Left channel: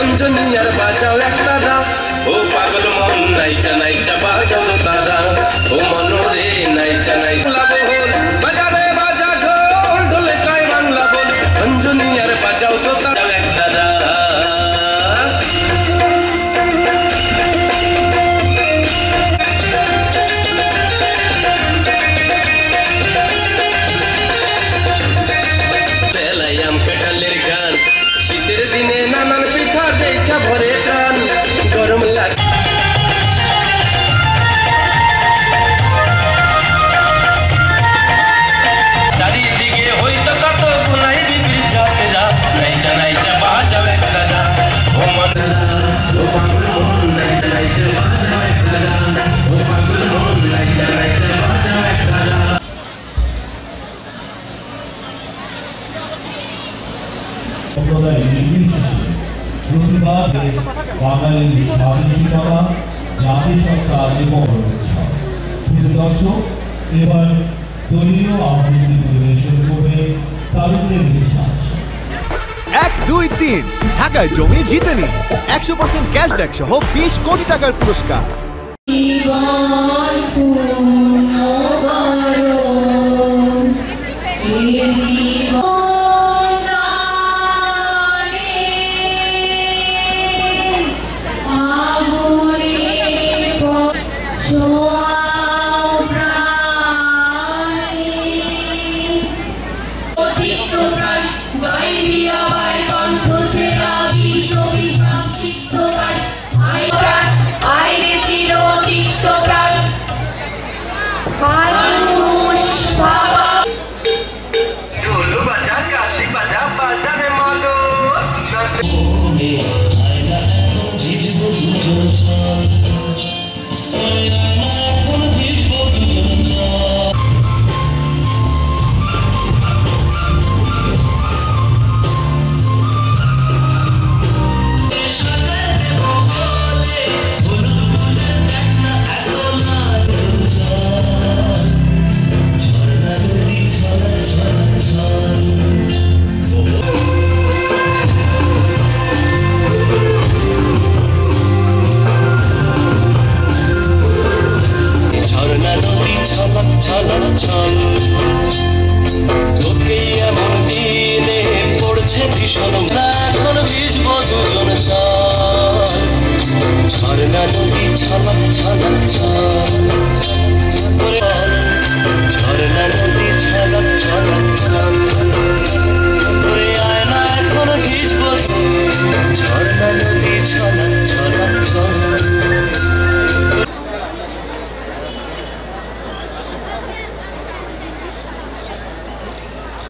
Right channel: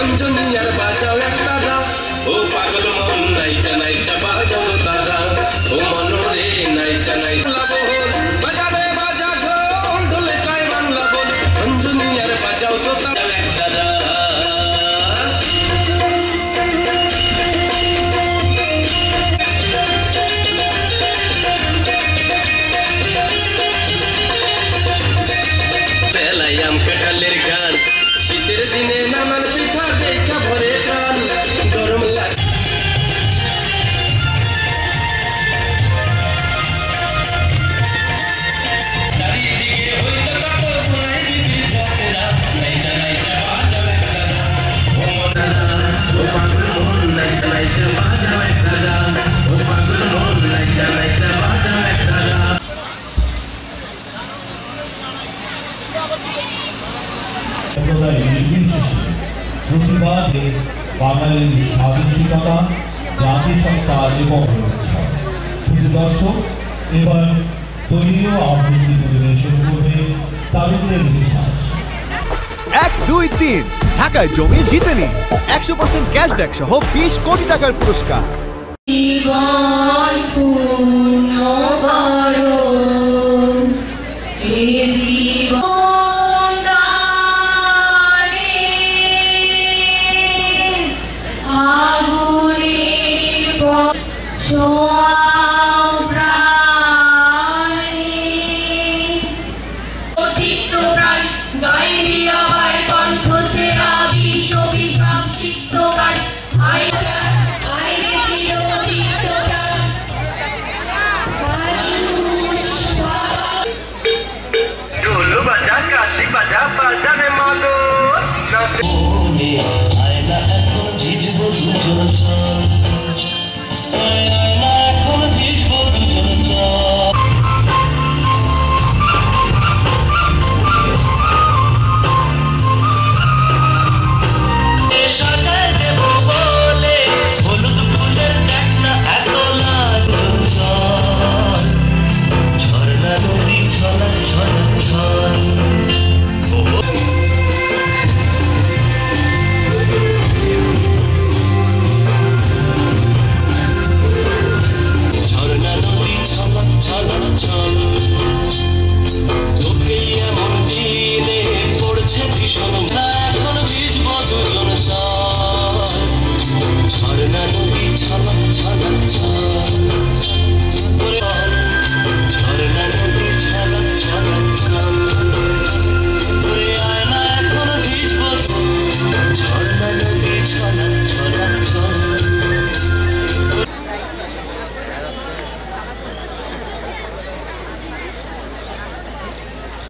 অঞ্জনিয়ার বাজাও একটা দা ও পাগল মন নাইচা নাইচা বাজাও তারা ও মনরে নাইচা নাইচা বল বাজারে বাজা ঢোল ঢোলে কায় বাংলা বল অঞ্জনিয়ার বাজাও তো তারা একটা দা বেলায়াম কাঁঠালের গান শীতের দিনে নানান পিঠা দেখা ভরে টান গরম লাগে চারিদিকে হইতো কত গুনাই বিক্রি যাত্রা নাইচা নাইচা বাজাও একটা দা ও মনরা ও পাগল মন নাইচা নাইচা বাজাও একটা দা ও পাগল মন নাইচা নাইচা বাজাও একটা দা প্রতিবাদে বাঙালির স্বাধীনতা জাতিসত্তার এবং শুধু দর্শক এবার দলীয় আবৃত্তি পরিবেশন করবে তারুণ্যের বিশ্বাস 1, 2, 3 ঢাকায় জমি জিতে নিন 100% ক্যাশব্যাক সহ 20 কোটি টাকার পুরস্কার। I